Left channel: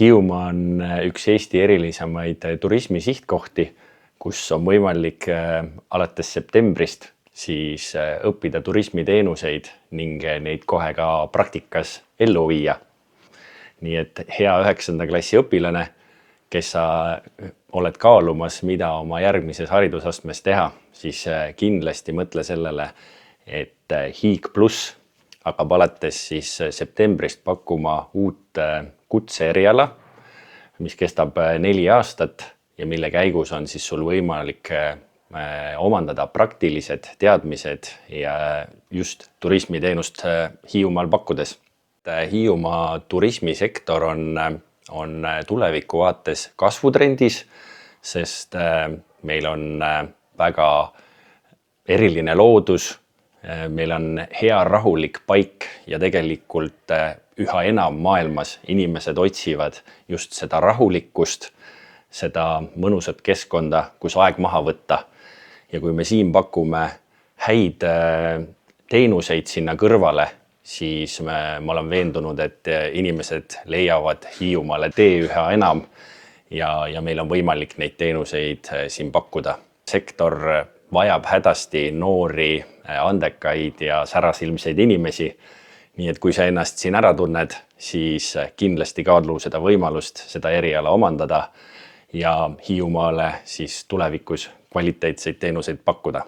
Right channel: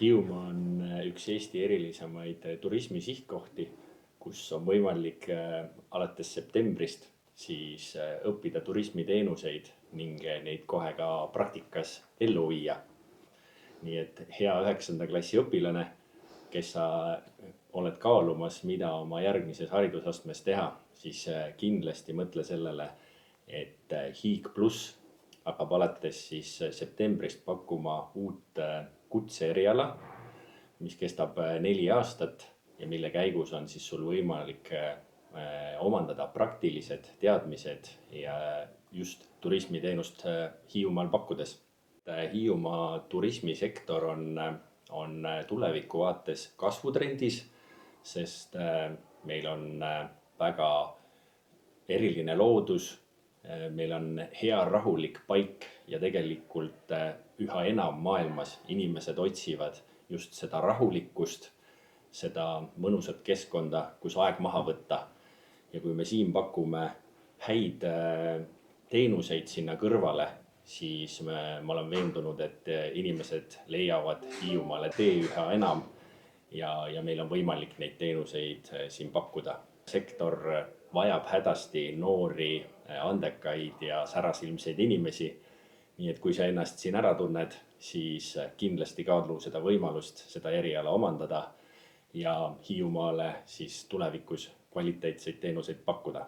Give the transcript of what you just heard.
Hiiumaa on üks Eesti erilisemaid turismisihtkohti, kus on võimalik alates septembrist siis õppida turismiteenuseid ning neid kohe ka praktikas ellu viia. Nii et hea 9. klassi õpilane, kes sa oled kaalumas, mida oma järgmises haridusastmes teha, siis kindlasti mõtle sellele, et Hiig+ hakkab alates siis septembrist pakkuma uut kutseeriala, mis kestab 4 aastat ja mille käigus on siis sul võimalik omandada praktilised teadmised ja just turismiteenust Hiiumaal pakkudes. Hiiumaa turismisektor on tuleviku vaates kasvutrendis, sest meil on väga eriline loodus, meil on hea rahulik paik ja tegelikult üha enam maailmas inimesed otsivad just seda rahulikkust, seda mõnusat keskkonda, kus aeg maha võtta. Ja kui me siin pakume häid teenuseid sinna kõrvale, siis ma olen veendunud, et inimesed leiavad Hiiumaale tee üha enam ja meil on võimalik neid teenuseid siin pakkuda. Sektor vajab hädasti noori, andekaid ja särasilmseid inimesi. Nii et kui sa ennast siin ära tunned, siis kindlasti kaalu seda võimalust, seda eriala omandada ja Hiiumaale siis tulevikus kvaliteetseid teenuseid pakkuda.